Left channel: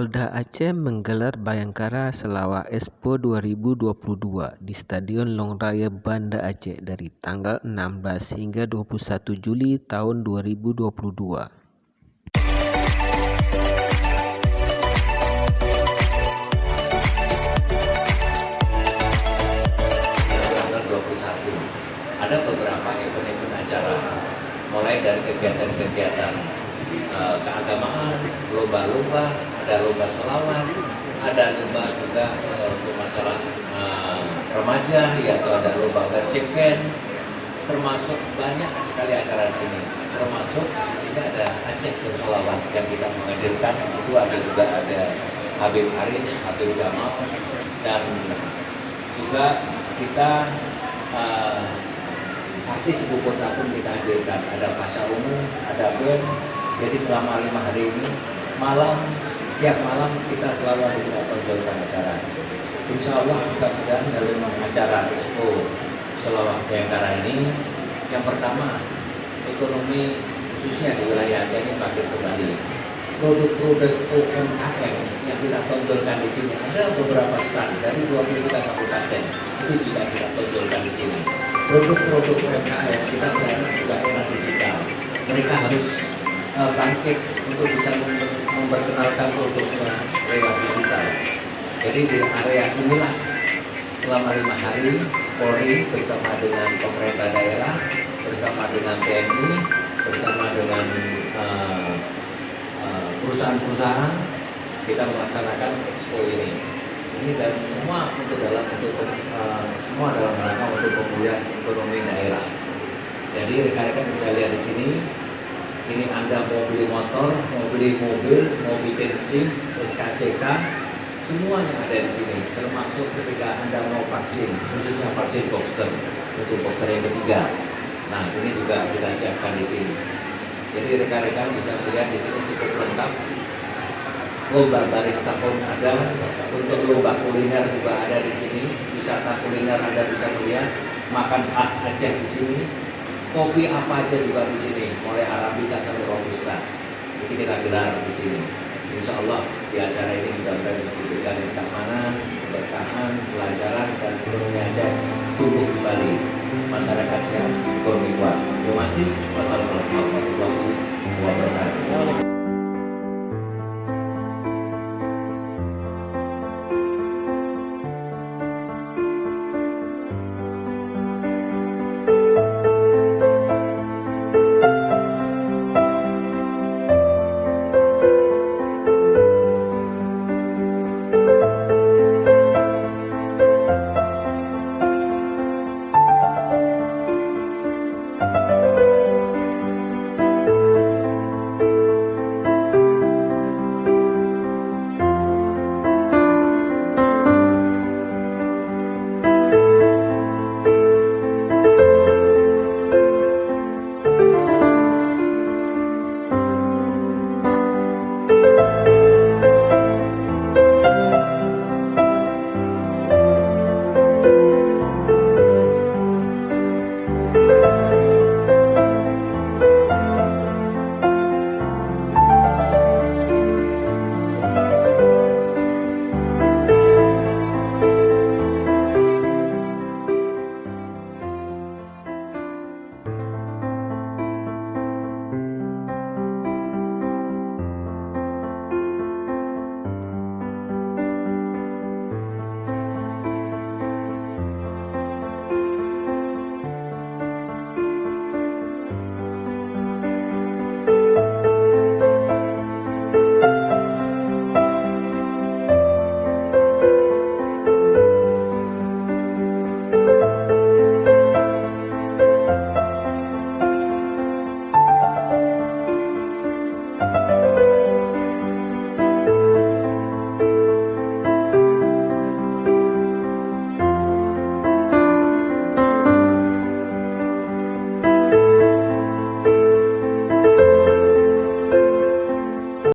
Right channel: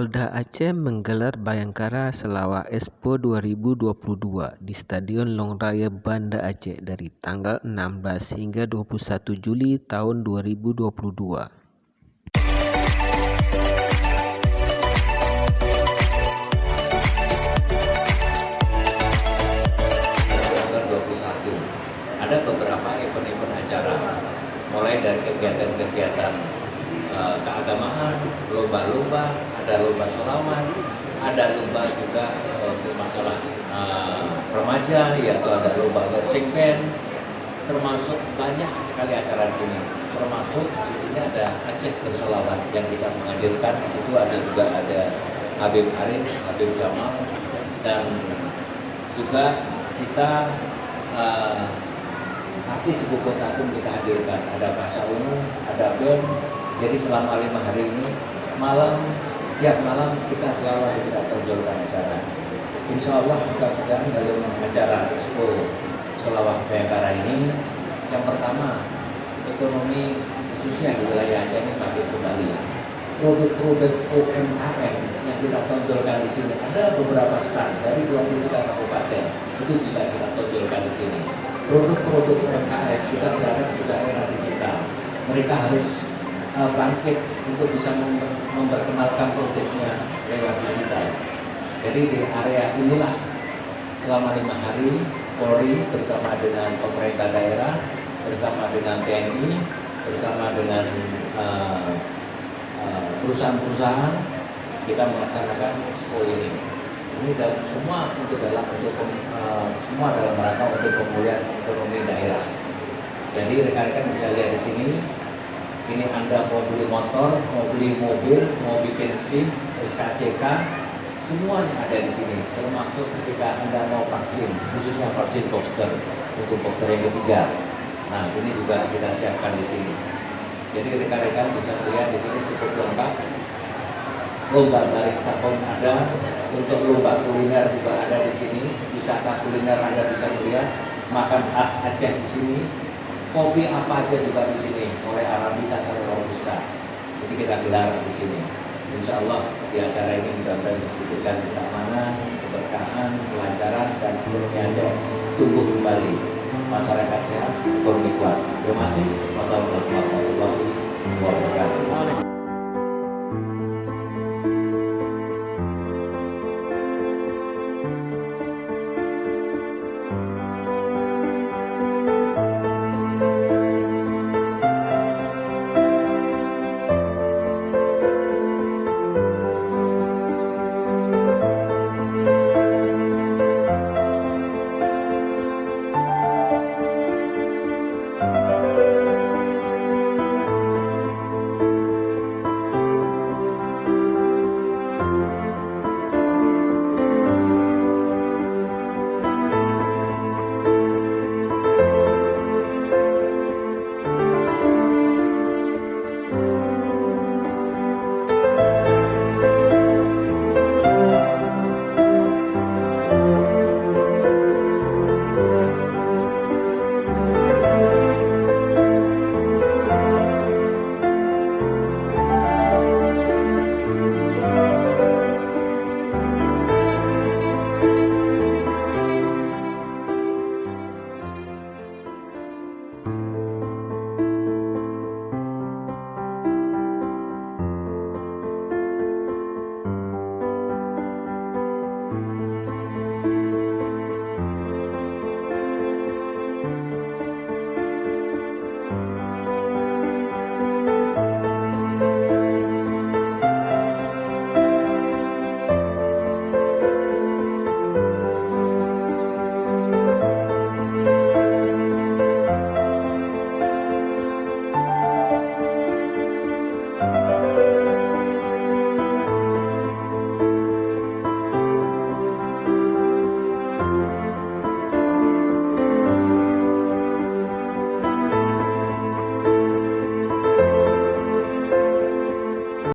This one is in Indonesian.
Polda Aceh menggelar Bayangkara Selawat Expo 2022 di Stadion Long Raya Banda Aceh dari tanggal 16 hingga 21 Juli tahun 2022. Ada beberapa event-event acara, mulai dari kegiatan-kegiatan keagamaan, lomba-lomba, ada lomba selawat, ada lomba juga untuk masalah remaja, yaitu ada lomba worship band, termasuk banyak sekali acara di sini. Termasuk di sini ada Aceh Bersolawat yang kita menghadirkan. Di situ juga ada Habib Aris, Habib Jamal, dan juga kita artis ibu kota pun kita hadirkan. Ada Pasha Ungu, ada band. Jadi selama 5 hari ini tiap malam kita selalu ada kita tonjolkan acara. Insya Allah mudah-mudahan dalam acara Expo Selawat Bayangkara ini, yang pertama ekonomi khususnya di wilayah Aceh ini makin kembali. Produk-produk UMKM yang kita tonjolkan di sini ada beberapa stand dari 23 kabupaten itu juga kita tonjolkan di sini. Produk-produk UMKM kita berharap juga era digital. Mereka harus bangkit untuk bisa memperkenalkan produknya lewat digital. Jadi di area inilah selama 5 hari Polri bersama dengan pemerintah daerah, bersama dengan TNI, bersama dengan perusahaan-perusahaan kita melaksanakan expo ini. Ini dan semua semua dalam rangka untuk pemulihan ekonomi daerah. Jadi rekan-rekan bisa lihat di sini. Ini Anda mau beli motor, mau beli mobil, mau bikin SIM, SKCK, semuanya ada di sini. Termasuk ketika Anda mau vaksin, khususnya vaksin booster untuk booster yang ketiga. Nah, ini juga kita siapkan di sini. Jadi rekan-rekan bisa melihat di sini cukup lengkap. Lomba barista pun ada, untuk lomba kuliner juga ada di sini. Wisata kuliner Anda bisa melihat, makan khas Aceh di sini. Kopi apa aja juga di sini, mulai Arabica sampai Robusta. Jadi kita gelar di sini. Insya Allah di acara ini mudah-mudahan diberikan keamanan, keberkahan, kelancaran, dan ekonomi Aceh tumbuh kembali. Masyarakat sehat, ekonomi kuat. Terima kasih. Wassalamualaikum warahmatullahi wabarakatuh.